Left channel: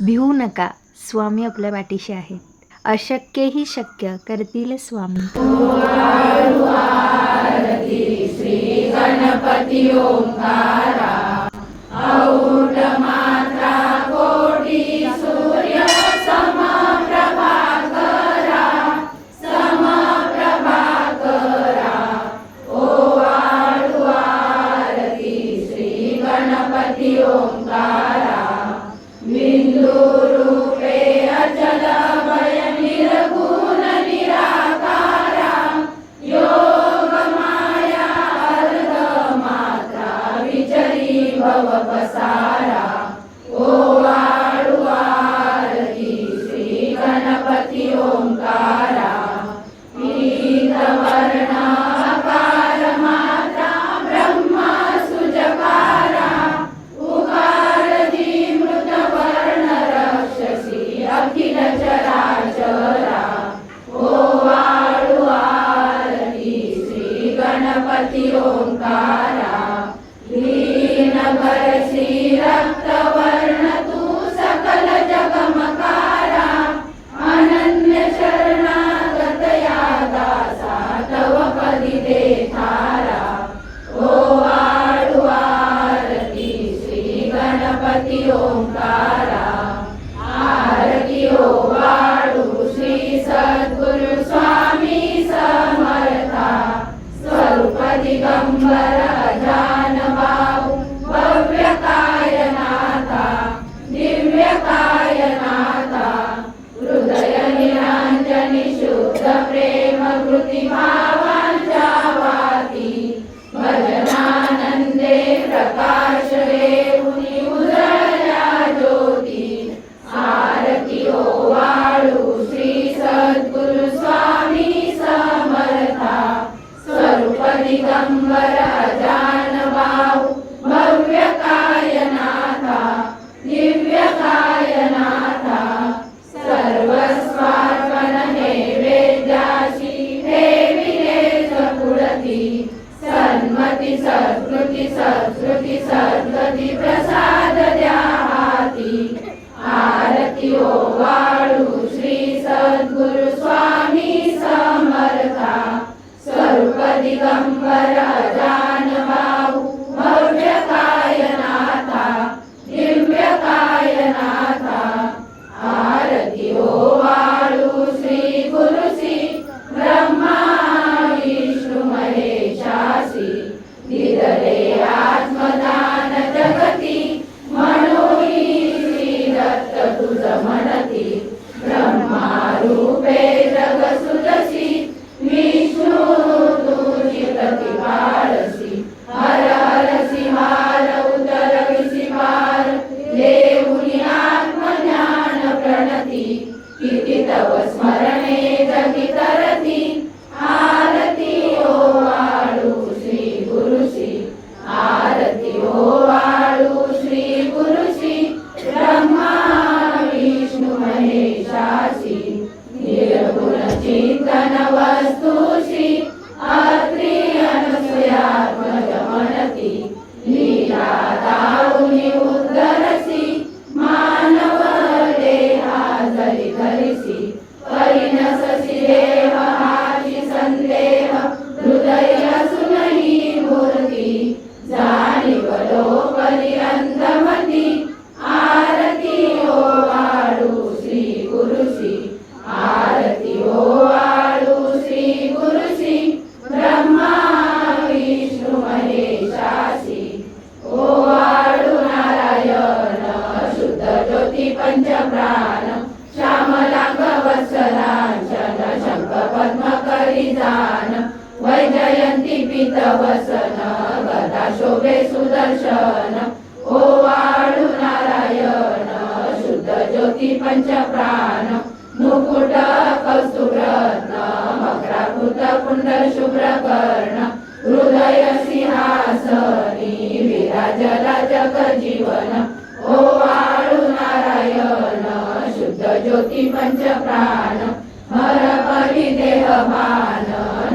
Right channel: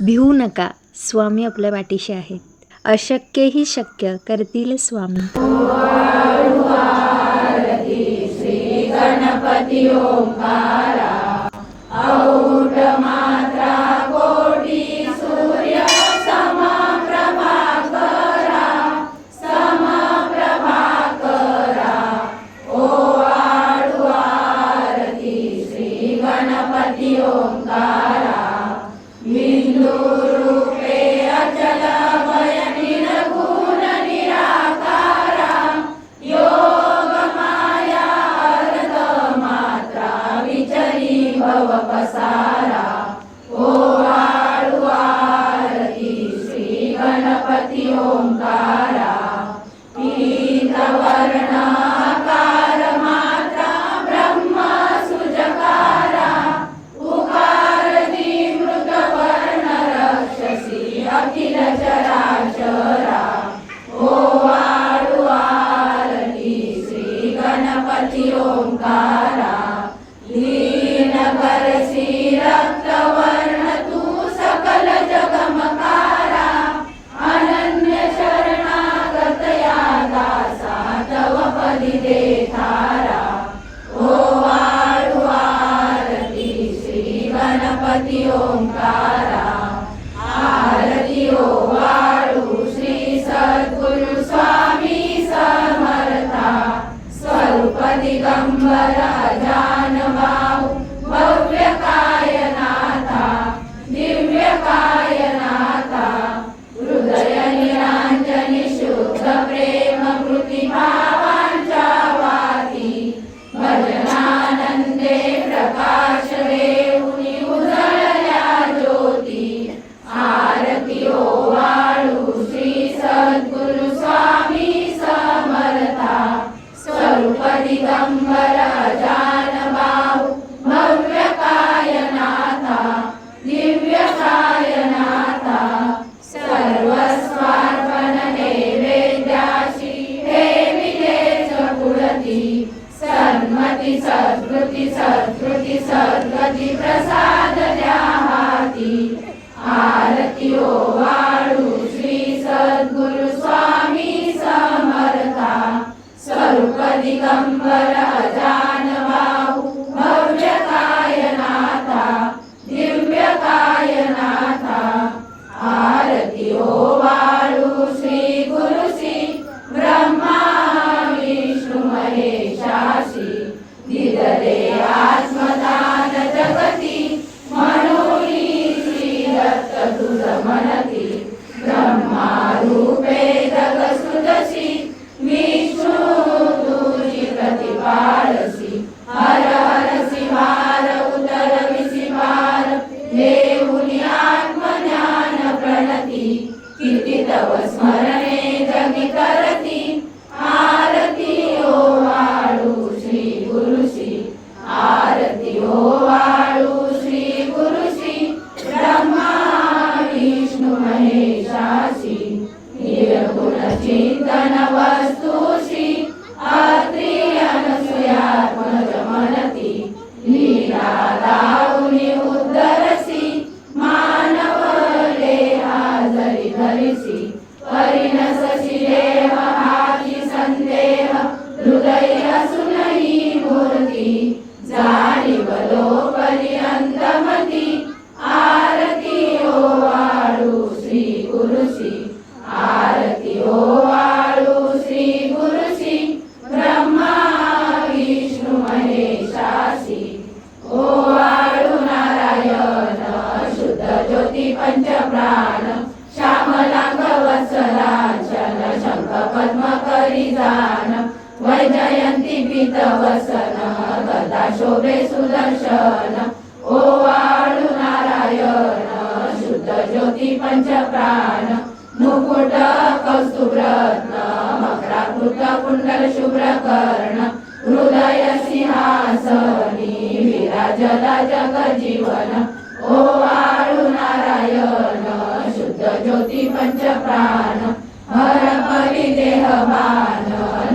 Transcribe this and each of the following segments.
भिवू नका, स्वामी आपल्या पाठीशी आहेत. अशक्यही शक्य करतील स्वामी. श्री गणपती ओंकारा, औढ मात्रा कोटी सूर्य समप्रभाकरा, समप्रभाकरा. ओवाळू आरती श्री गणपती ओंकारा, बिंदू रूपे अचल भय निर्गुण निराकारा, योग माया अर्ध मात्रा विचरी भव पसारा. ओवाळू आरती श्री गणपती ओंकारा, पीतवर्ण अकार मात्रा ब्रह्म सुजकारा, उकार मृत वर्ण रक्षसी अखिल चराचरा. ओवाळू आरती श्री गणपती ओंकारा, दीन करसी रक्तवर्ण तू सकल जगमकारा, अनन्य शरणागत या दासा तव पदी दे थारा. ओवाळू आरती श्री गणपती ओंकारा, आरती ओवाळू श्री सद्गुरु स्वामी समर्था, स्वरूप दिगंबर अजान बाहू भव्य कायनाथा, दिव्य कायनाथा. हृदय निरांजनी शुद्ध प्रेम कृती भावांच्या वाती, भजनानंदे प्रकाश देऊनी उजळल्या ज्योती. आरती ओवाळू श्री सद्गुरु स्वामी समर्था, स्वरूप दिगंबर अजान बाहू भव्य कायनाथा, दिव्य कायनाथा. सर्वस्वार्पण नैवेद्याशी ठेविलेच पुढती, सन्मती सद्गती सद्गती सद्गती प्रसाद द्या हाती. आरती ओवाळू श्री सद्गुरु स्वामी समर्था, स्वरूप दिगंबर अजान बाहू भव्य कायनाथा, दिव्य कायनाथा. आरती ओवाळू श्री गुरुसी ब्रह्मा विष्णू महेशासी, दिदले आत्मदान जगती, म्हणून श्री दत्त तुझ म्हणती. ब्रह्मा रूपे जग सुदसी, विष्णू तुझी प्रतिपाळसी. हर हरसी हार उतरविसी पार, देऊनी आत्मज्ञान प्रणती. किती तव स्मरणे जगी करती, आरती ओवाळू श्री गुरुसी. आरती ओवाळू श्री गुरुसी, ब्रह्मा विष्णू महेशासी. निर्गुण चिंतन वस्तुषी, अत्री अनसूयात्मज म्हणती. लीला दाऊनी उद्धरसी, मानव देहा जरी धरिसी. परिणससी देह हाची संदेह, हृदय असूनही मूर्ती. जाणीव लोपली अंतमती, आरती ओवाळू श्री गुरुसी. आरती ओवाळू श्री गुरुसी, ब्रह्मा विष्णू महेशासी. ओवाळू नारायण शुद्ध ज्योती पंचप्राण, श्यामलांग वत्सलांचन शंख पद्म करी जान. वैजयंती पीत वसन, गदा शोभे सुदर्शन. ओवाळू नारायण शुद्ध ज्योती पंचप्राण, मुकुट कौस्तुभ रत्न मकराकृत कुंडल शुभ्र कर्ण. हृदय सिंहासनी विराजला जग जीवन. ओवाळू नारायण शुद्ध ज्योती पंचप्राण, हर परी देहमान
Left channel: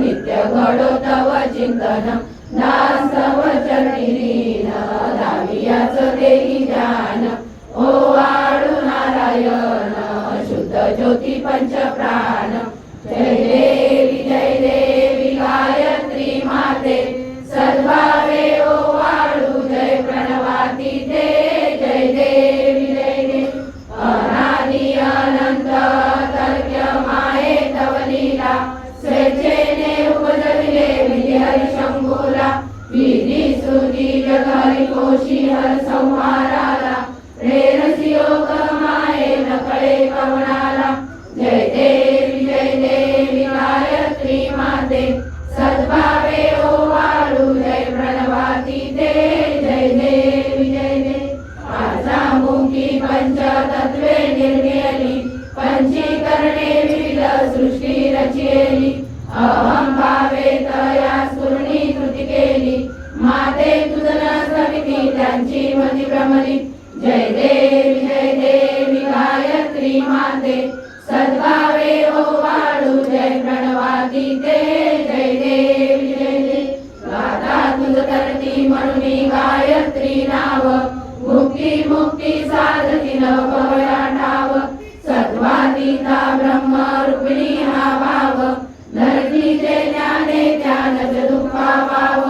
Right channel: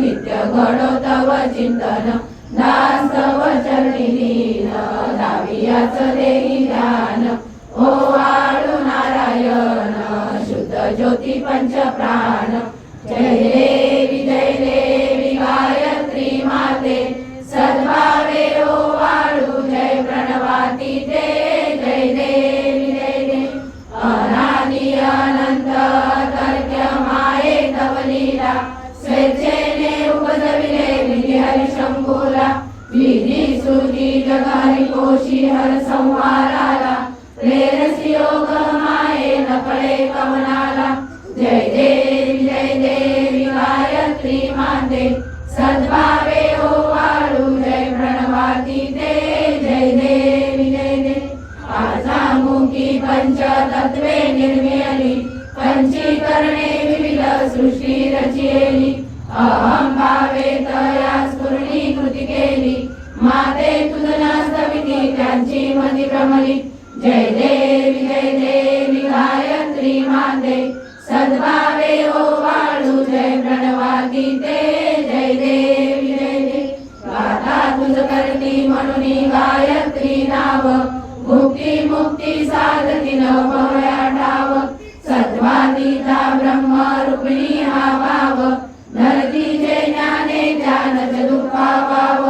नित्य घडो तव चिंतन. दासव चरणी लीन, दावियाच देई ध्यान. ओवाळू नारायण नयन शुद्ध ज्योती पंच प्राण जय देवी गायत्री माते सद्भावे ओवाळू जय प्रणवाती ते जय देवी अनादि अनंत तर्क्य माये तव लीला स्वेच्छेने उपजविले विधी हरिशंभूला विधी श्रुती जग हरिकोशी हर संहाराला प्रेरसी योग माये नकळे कवनाला जय देवी गायत्री माते सद्भावे ओवाळू जय प्रणवाती ते जय देवी पाचामुखी पंचतत्वे निर्मियली पंचीकरणे विविध सृष्टी रचियली अहं भावे तया स्फुरणीकृती केली माते तुझ नसविती त्यांची मती भ्रमली जय देवी गायत्री माते सद्भावे ओवाळू जय प्रणवाती ते जय देवी गाथा तुझ करती म्हणून गायत्री नाव मुक्ती साधती नवया ठाव सत्वातीता ब्रह्म रूपिणी हा भाव धरतीचे ज्ञाने ज्ञानच दुःखा पाव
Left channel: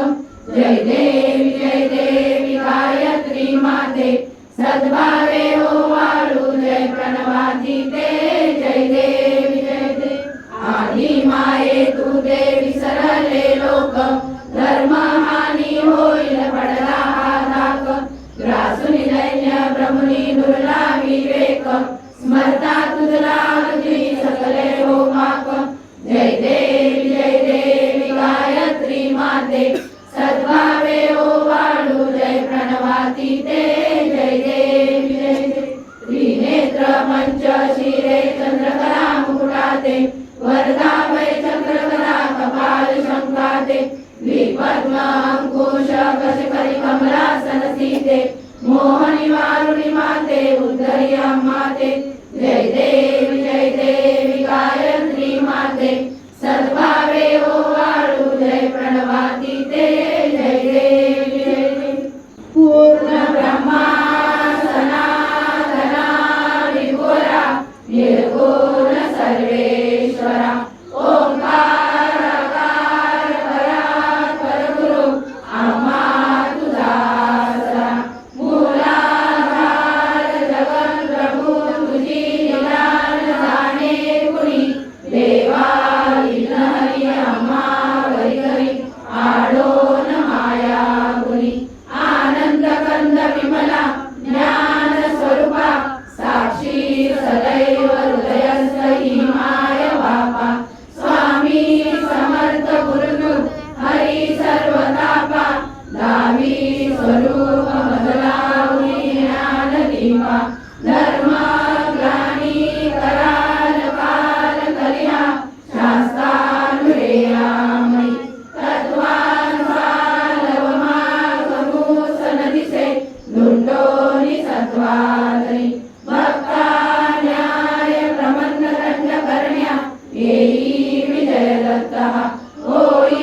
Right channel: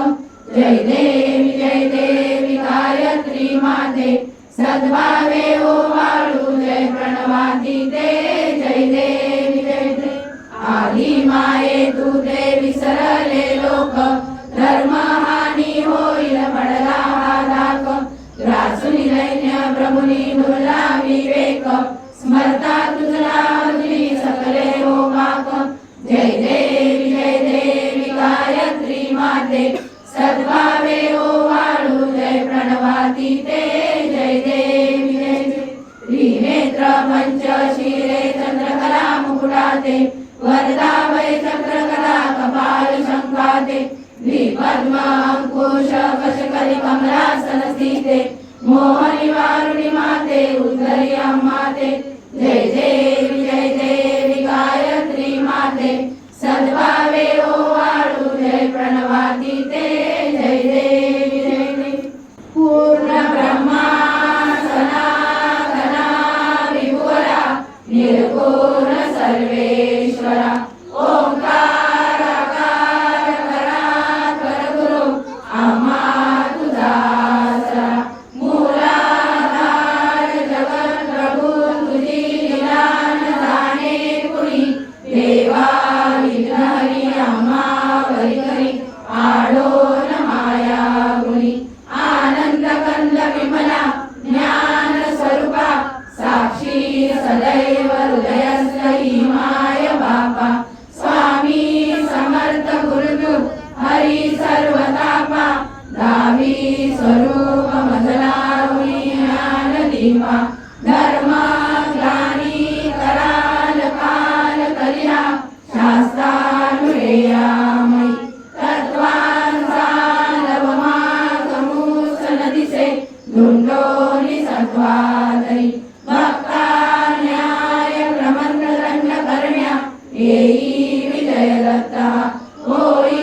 जय देवी गायत्री माते सद्भावे ओवाळू जय प्रणवाती ते जय देवी आधी माये तू ते विसरले लोक धर्म हानी होईल पडला हा धाक ग्रासुनी दैन्य ब्रह्मणी दुर्ला विवेक स्मरता तुझला पृथ्वी सकले हो पाक जय देवी गायत्री माते सद्भावे ओवाळू जय प्रणवाती ते जय देवी त्रिनेत्र पंच शिरे चंद्रकला मुकुटाते वरदाभय चक्रकला कपाल शंकाते द्विपद्म अंकुश कशकरी कमलासन स्थिते मोहनी वारुणी माते उद्धरी अम्माते जय देवी गायत्री माते सद्भावे ओवाळू जय प्रणवाती ते जय देवी पूर्ण ब्रह्मा सनातना विभुरा निर्गुण सर्वेश्वरा ओंकार परात्पर गुरु आम्हा तुझा आसरा मूलाधार जगत प्रभू तुझी लीला न जाणे कुणी देवा विघ्नहरी आम्हा वरी करी आडोन माया गुणी आनंद कंद विमला ज्ञान स्वरूपा साक्षी सदैव हृदयस्थी माय बापा स्वामी समर्थ गुरुदेव हरी सर्वतापा दावी स्वरूप मजलावी ज्ञान दीपा धर्म ग्लानी कराल काल कलिया शास्त्रानुरेयामयी तत्वांचा लवमार्गमुस नदिसे धुंडोनी सत्वादई भक्ता न्याय प्रमंड दंड करण्या येई विजय दत्ता होई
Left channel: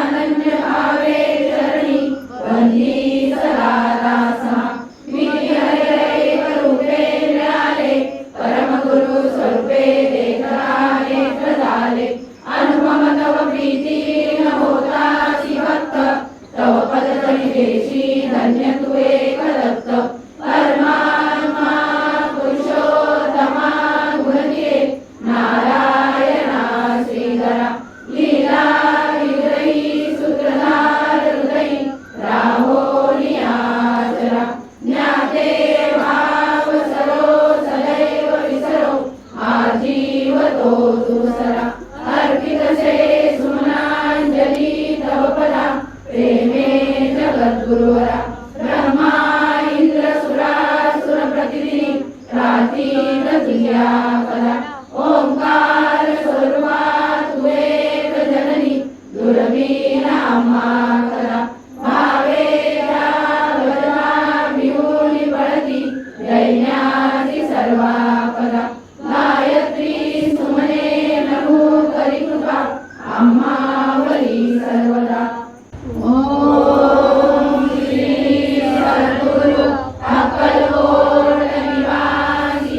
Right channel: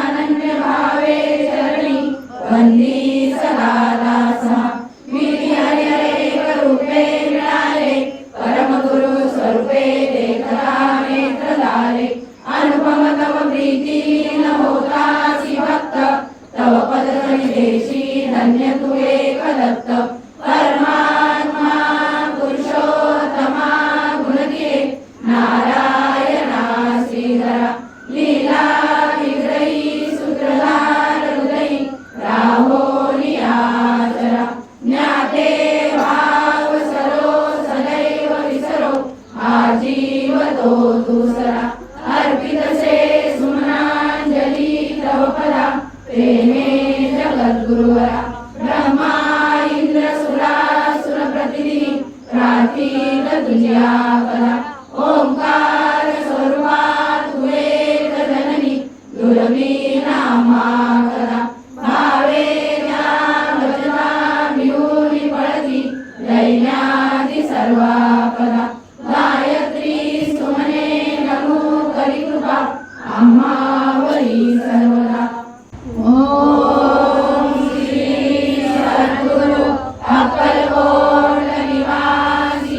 अनन्य भावे चरणी वंदी सदा दासा विधी हरी एक रूपे मिळाले परमगुरु स्वरूपे देखता नेत्र झाले अनुपम तव प्रीती न होतासी भक्त तव पदतळी देशी धन्य तू एक दत्त परमात्मा पुरुषोत्तमा गुणदिये नारायणा श्रीधरा लीला विग्रही सूत्रधार हृदयी राहोनी आचरा ज्ञाते भाव सरो सदैव विसरो हा जीव तो दुसरा अर्पितसे सुमनांजली तव पदा प्रेमे जगद्गुरुवरा ब्रह्मा इंद्र सुरासुर प्रतिनिधी प्रार्थीन तुझ्या पदा ओंकार स्वरूपा तू एक जननी दुर्वी नामा करा भावे त्या वचना भिऊनी पळती दैन्यादी सर्वा पदा गायत्री सुमने नमो करी कृपा आम्हावरी सर्वदा ओम श्री सद्गुरु अक्कलकोट निवासी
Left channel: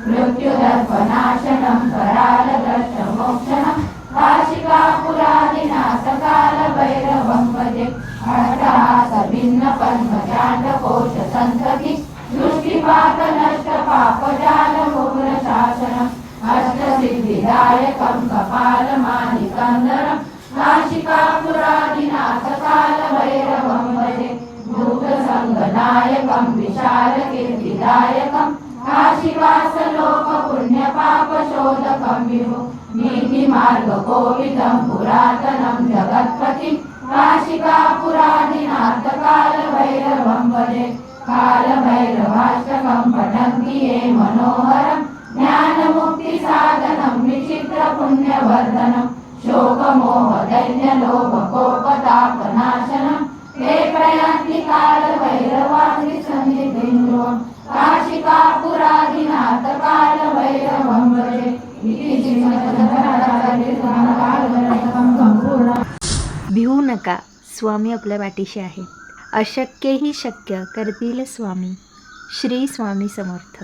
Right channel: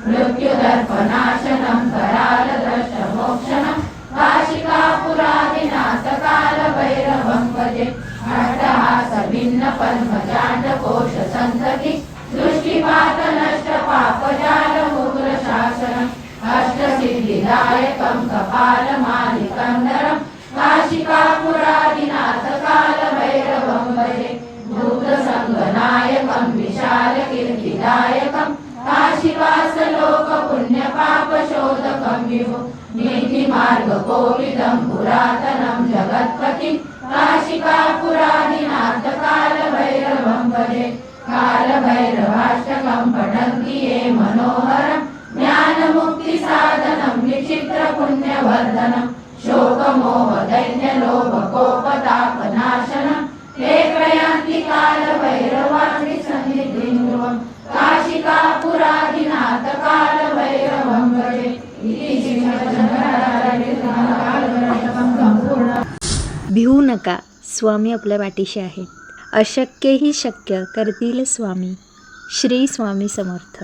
मृत्युदर्पनाशनं करालदर्शमोक्षणं काशिकापुरादिनाथ कालभैरवं भजे अट्टहासभिन्नपद्मजाटकोशसन्तति दृष्टिपातनष्टपापजालमूलशासनम् अष्टसिद्धिदायकं कपालमालिकं नरं काशिकापुरादिनाथ कालभैरवं भजे भूतसङ्गनायकं विशालकीर्तिदायकं काशिकासलोकपुण्यपापशोधकं विभो नीतिमार्गकोविदं पुरातनं जगत्पतिं काशिकापुरादिनाथ कालभैरवं भजे कालभैरवाष्टकं पठन्ति ये मनोहरं ज्ञानमुक्तिसाधनं विचित्रपुण्यवर्धनं शोकमोहदैन्यलोभकोपतापनाशनं ते प्रयान्ति कालभैरवाग्निसन्निधिं ध्रुवं काशिकापुरादिनाथ कालभैरवं भजे इति श्रीमद् संपूर्ण। भिवू नका, स्वामी आपल्या पाठीशी आहेत. अशक्यही शक्य करतील स्वामी. श्री स्वामी समर्थ.